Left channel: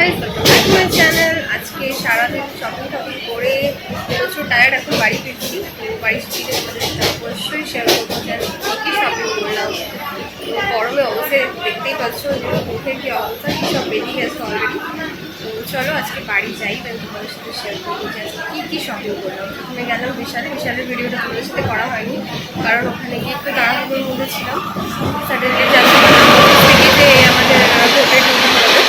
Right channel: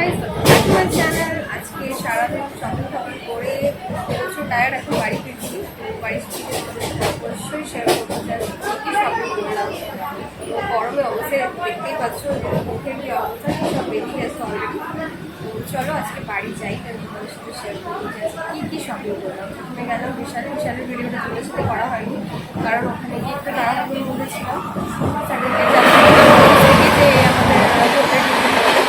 Guys, welcome back to my channel. আজকে সারাদিন shopping করে প্রচুর টায়ার্ড, এখন বাড়ি ফিরছি। তো বাড়ি ফিরে তোমাদের সাথে অবশ্যই শেয়ার করবো যে কী কী শপিং করলাম। তো গরমে অবশ্যই দেখতেই পাচ্ছ যে মুখের কী অবস্থা, কী সব বেরিয়ে গেছে অলরেডি। তো চলো আজকে বাড়ি যাই, তাই তোমাদের সাথে শেয়ার করবো যে আজকে কী কী শপিং করলাম। প্রথমে গেলাম বিশালের ভিডিওটা তোমাদের সাথে করা হয়নি, কারণ ওখানে গিয়ে একটু তাড়াহুড়োর মধ্যে ছিলাম। স্যাটারডে যাচ্ছি থেকে যে আমাদের হোটেল ডিউটি করাবে,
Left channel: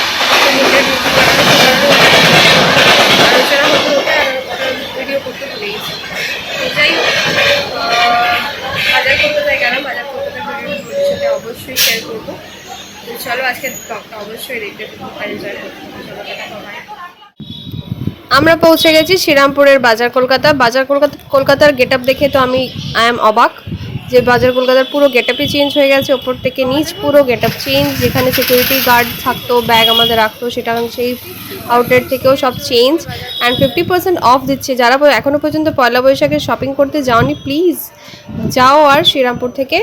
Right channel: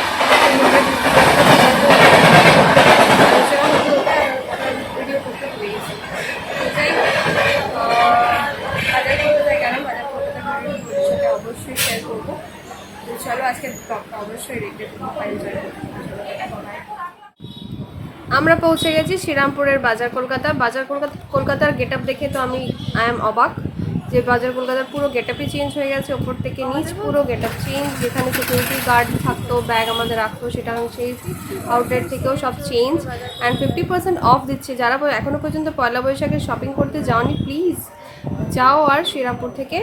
আলোচনা হতে হতে আর ওটার ভিডিও করতে ভুলে গেছি। তো যাই হোক, বাজার করতে যাই গেলাম, বাজার করতে ভিডিও তোমাদের সাথে অবশ্যই শেয়ার করবো। তো চলো আজকে ব্লগটা অবশ্যই দেখতে এনজয় করবো। চলো দেখা হয়। আমরা পৌঁছে গেছি শ্রীরামপুরের বাজার কলকাতার গেট আপ দেখে তো আই এম অবাক যে বাজার কলকাতার পুরো গেট আপই চেঞ্জ হয়ে গেছে, ওপর থেকে নিচ পুরো গেট আপ চেঞ্জ। যেখানে সিকিউরিটি গার্ড থাকতো, ব্যাগ আমাদের রাখতো, সেটা সেই আউটলেট থেকেও সব চেঞ্জ। অ্যান্ড 50% অফ দিচ্ছে। যারা এখনও পর্যন্ত পয়লা বৈশাখে শপিং করতে যাওনি, প্লিজ যাও আর শ্রীরামপুর থেকে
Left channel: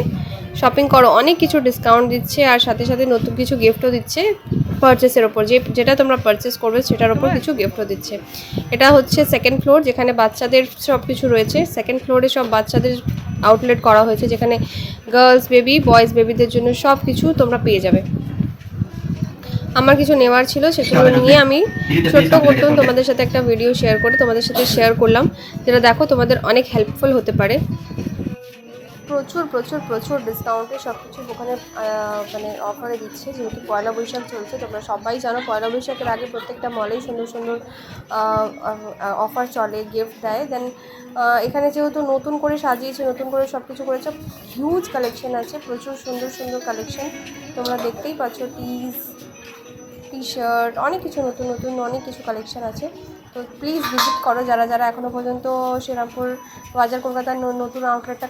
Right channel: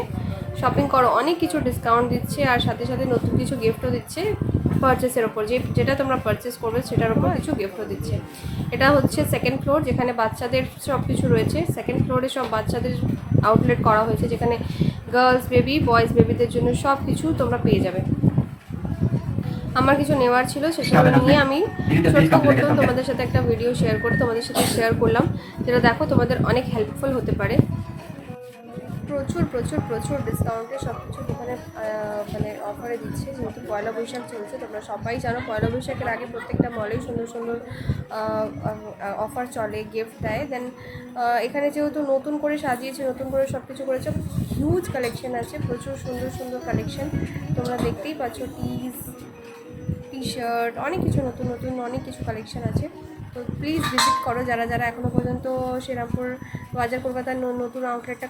শপিং করো। অনেক কিছু ডিসকাউন্ট দিচ্ছে, আর সাথে সাথে নতুন কিছু গিফটও দিচ্ছে পারচেসের ওপর। যেটা তোমরা পারচেস করবে সেটার ওপর কিছু গিফটও দিচ্ছে। এটা হচ্ছে সেকেন্ড ফ্লোর, যেখানে বাচ্চাদের সব কিছু রয়েছে। সেকেন্ড ফ্লোরে সব বাচ্চাদের আউটলেট করা হয়েছে, যেখানে গার্লস বেবি, বয়েজ বেবিদের জন্য সব কিছু তোমরা পেয়ে যাবে। আমার কিছু নেওয়ার ছিল, সেগুলো নিয়ে আমি ছোট্ট করতাম তোমাদের সাথে একটা ভিডিও শেয়ার করে তোমাদের সাথে শেয়ার করলাম, যেটা দেখো তোমাদের অনেক হেল্পফুল হতে পারে। প্রচুর প্রচুর প্রচুর ডিসকাউন্টে সব কিছু দোকানে মানে অফারে দিচ্ছে, যেহেতু পয়লা বৈশাখ চলছে। তোমরা সবাই জানো পয়লা বৈশাখের আগে প্রত্যেকটা মলেই সুন্দর সুন্দর অফার চলে, গিফট দেয়। দেন এখানে যেহেতু নতুন করে সাজিয়েছে, নতুন করে সব কিছু করেছে, হিউজ কালেকশন আছে, প্রচুর সুন্দর সুন্দর কালেকশন তোমরা দেখতেই পাচ্ছ। টি শার্ট, অনেক কিছু নতুন নতুন অনেক কিছু কালেকশন আছে। তো প্লিজ ভিজিট করো যারা যারা এখনও পর্যন্ত শ্রীরামপুর বাজার কলকাতার নতুন আউটলেটটা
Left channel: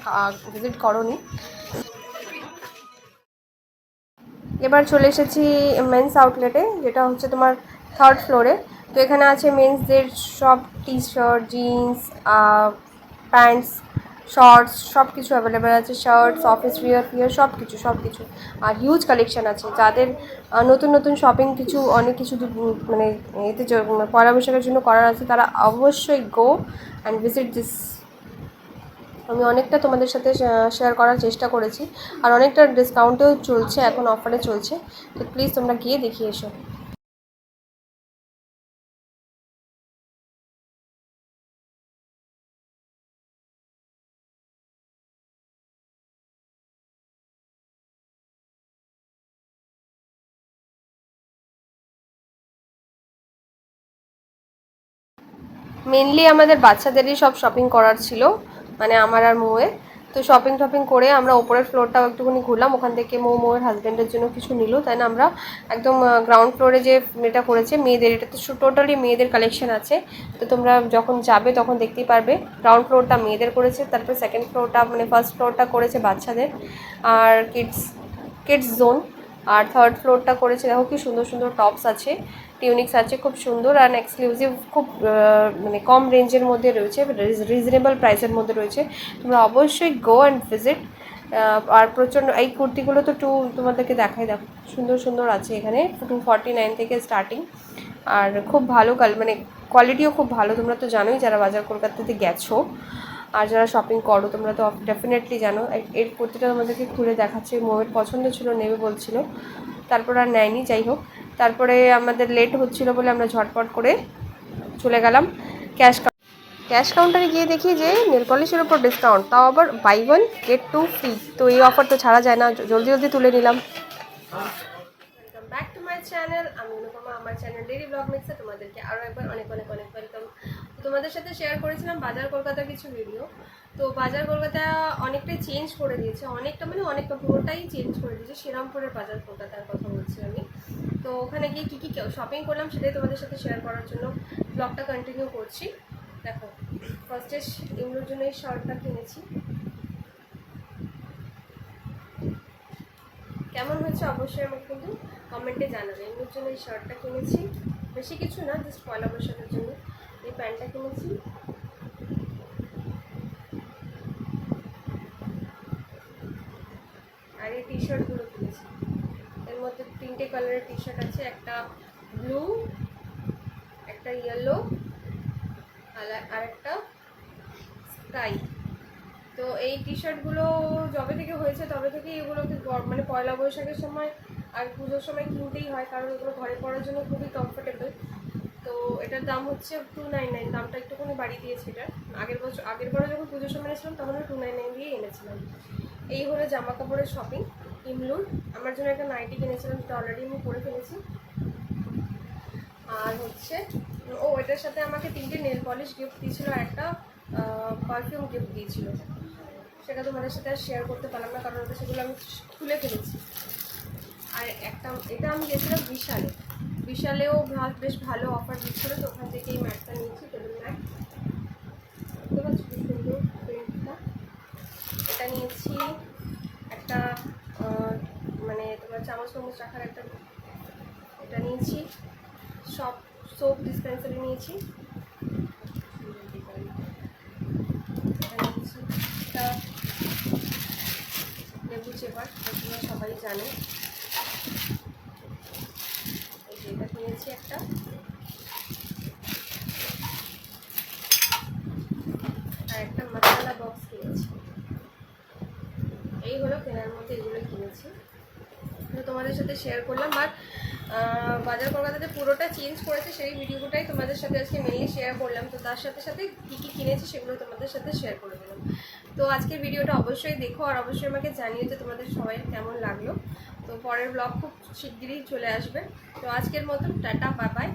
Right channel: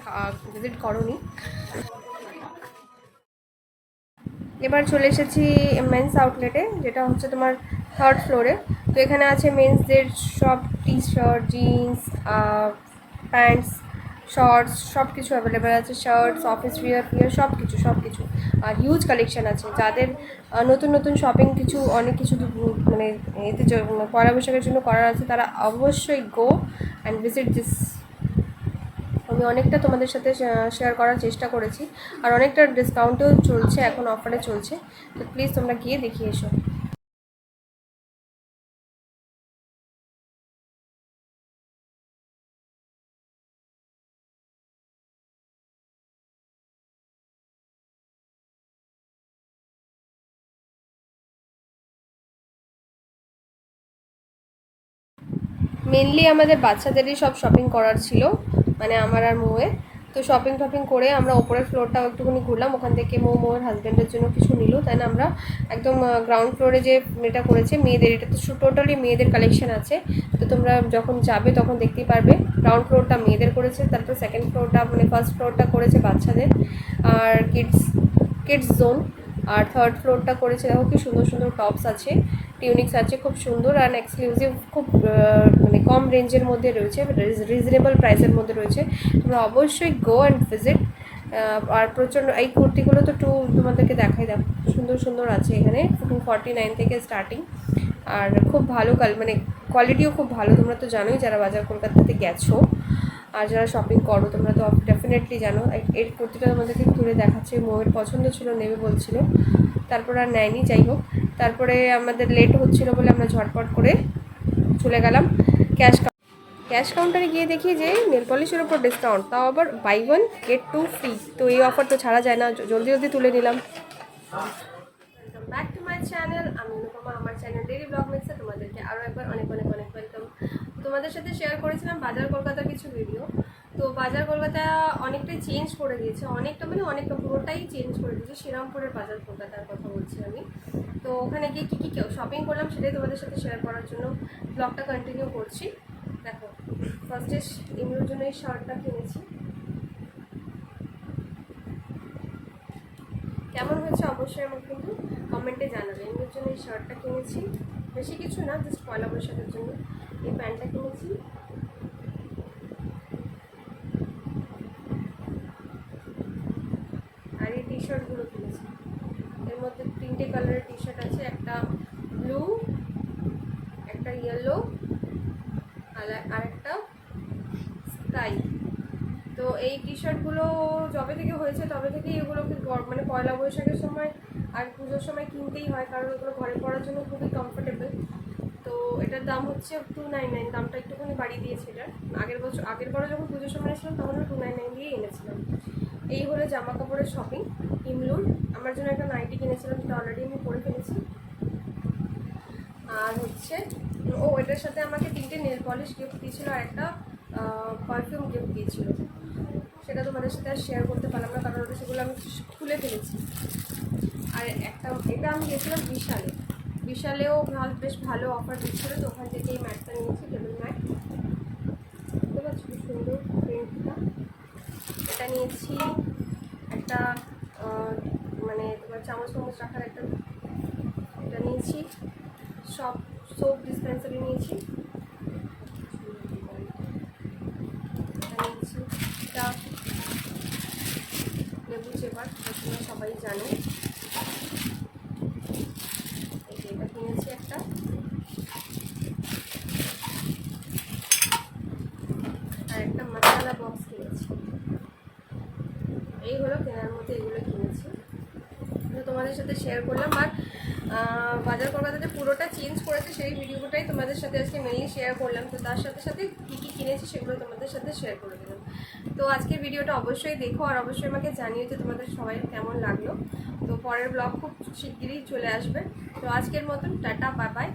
ভিজিট করোনি। এবার চলে এসেছি মেন্স আউটলেটে, যেটা হচ্ছে তোমার থার্ড ফ্লোরে। তো এখানে আছে মেন্সদের সব টি শার্ট, জিন্স, প্যান্টস, শর্টস, সব কিছু অ্যাভেলেবেল আছে। শার্টস, অফিস ওয়্যার সব কিছু। আর হিউজ কালেকশান আছে। যাদের নতুন নতুন শপিং অনেক কিছু মানে এতে পয়লা বৈশাখের জন্য করার আছে, তারা অবশ্যই গো অ্যান্ড ভিজিট দিস। আমি অনেকটা তোমাদের সাথে শেয়ার করার চেষ্টা করেছি, আর অনেকটা ডিসকাউন্টেও চলছে, এখন অফারে চলছে। তো প্লিজ তোমরা গিয়ে দেখিয়ে এসো। মেনলি আমাদের বাচ্চাদেরই সব শপিং করার ছিল, মানে আমার আর মৌয়ের। তো শপিং করে আমরা ওপরের ফ্লোরটাও একটুখানি ঘুরলাম। ওখান থেকে মৌয়ের হাজব্যান্ডের জন্য কিছু নিল, তাই না। আমরা একদম গ্রাউন্ড ফ্লোরে যে এটা করেছে মেয়েদের, এটা তো টোটালি মেয়েদের কালেকশন আছে। তো তোমরা যখন যাবে তখন দেখতেই পারবে। গ্রাউন্ড ফ্লোরটা মেয়েদের করেছে, তারপর সেকেন্ড ফ্লোরটা মানে ফার্স্ট ফ্লোরটা করেছে বাচ্চাদের আর কিডস জোন, আর থার্ড ফ্লোরটা করেছে। দেখো কি সুন্দর সুন্দর টপস আছে, টিউনিক্স আছে, খুব সুন্দর আর এক্সক্লুসিভ, খুব মানে কম রেঞ্জের মধ্যে রয়েছে, রিজনেবল প্রাইসের মধ্যে রয়েছে। তোমরা অবশ্যই গো অ্যান্ড ভিজিট। আর প্রচণ্ড এই কুর্তিগুলো তো তোমাদেরকে দেখাই, দেখো সুন্দর সুন্দর আছে এখানে। 249 থেকে স্টার্টিং, আর খুব ভালো মানে কোয়ালিটিও খুব ভালো। তোমরা তো জানোই যারা বাজার কলকাতাতে গেছো, আর যারা শপিং করো তোমরা তো ডেফিনেটলি জানো। এর কুর্তিটা তোমাদেরকে খুলে দেখাচ্ছে, মৌয়ের পছন্দ ছিল, নেবে বলছিল, তারপর আর নেয়নি। যাই হোক, তারপরে আমাদের লেট হচ্ছিলো বলে আমরা ঝটপট করে চলে গেলাম ক্যাশ কাউন্টারে। গিয়ে দেখি যে নেল পলিশের ওপর ডিসকাউন্ট, তাও আবার বাই 1 get 2 ফ্রি। তো এই অফার তো ছাড়া যায় না, জলদি তুলে নিলাম। Welcome back to my channel. আমি অনুপমা, আমার চ্যানেল ডেইলি ব্লগ মিক্সে তোমাদেরকে আরও একবার অনেক ওয়েলকাম। তোমাদের সাথে শেয়ার করেছিলাম বাজার কলকাতার কিছু ভিডিও। তো বাজার কলকাতা অনেকটাই চেঞ্জ করে দিয়েছে, অনেকটা পুরোটাই চেঞ্জ করে দিয়েছে। শ্রীরামপুরের বাজার কলকাতার কথা বলছি আমি। তো ওখানে গিয়ে কী শপিং করলাম সেটাই তোমাদের সাথে শেয়ার করার জন্য ব্লগটা কন্টিনিউ করছি। দেখো, ফার্স্টে ইমরুর জন্য এই শার্টটা কিনেছি, কেমন হয়েছে অবশ্যই আমাকে কিন্তু কমেন্টে জানাবে। এমনির জন্য এই শার্টটা কিনেছি, বেশি কিছু না, জাস্ট পয়লা বৈশাখের জন্য। এই প্যান্টটা কিনেছি, আর এই টি শার্টগুলো কিনেছি। এর মধ্যে 3টে কালারের টি শার্ট আছে, একটা ব্লু, ইয়েলো আর একটা স্কাই। তো এই টি শার্টগুলো যবে থেকে হয়েছে তবে থেকেই এগুলোকে মানে পয়লা বৈশাখের সময় আর পুজোর সময় কিনতেই হয়, কারণ ওগুলো ঘরে পরার জন্য খুবই কমফোর্টেবল। তো এটার দাম হচ্ছে 299, দামটা একটুখানি বাড়িয়ে দিয়েছে এটার। আগের বারে যখন পুজোর সময় এসেছিলাম তখন 299 দিয়ে এনেছিলাম। এই হলো জামা কাপড়ের শপিং ইমলুর। আমার জন্য একটা নাইটি কিনেছিলাম, যেটা অলরেডি আমি পরে ফেলেছি। আর হচ্ছে এটার সাথে আমাকে 3টে নেল পলিশ গিফট দিয়েছিল আর একটা পারফিউম গিফট দিয়েছিল। সেটা তোমাদের সাথে আর শেয়ার করতে পারলাম না, কারণ ওটা সেগুলো আমি খুলে ফেলেছি। আর এটা আমি গেছিলাম বিশালেও বেশ ভালো অফার দিচ্ছিলো, তো ওখান থেকে এই ম্যাটটা নিয়েছি, টেবিল ম্যাট। দেখতে পাচ্ছি খুব সুন্দর প্রিন্টটা। এটা নিয়েছি একটা মানে তোমার চামচ রাখার একটা, এটা নিয়েছি। সোপ ডিসপেন্সারি নিয়েছি। এটা লেবু চেপার, তোমরা সবাই জানে। এটা কিনেছি একটা। আর একটা মশলা বক্স কিনেছি। এই হলো কেনার মধ্যে এগুলো কিনেছি, তোমাদের সাথে শেয়ার করলাম। বাট বাজার কলকাতাতে পুরোটা চেঞ্জ করেছে, সেই ভিডিওটাই তোমাদের সাথে আজকে মেনলি শেয়ার করলাম। তো তার সাথে সাথে কী কী কিনেছি সেগুলো তোমাদের সাথে শেয়ার করে দিলাম। তো আজকের ভিডিওটা অবশ্যই দেখো, আর অবশ্যই আমাকে জানিও যে তোমাদের সবাই কেমন লাগলো। তো পরের ব্লগ খুব শিগগিরই চলে আসবে। তো আজকের মতন টাটা, বাই বাই।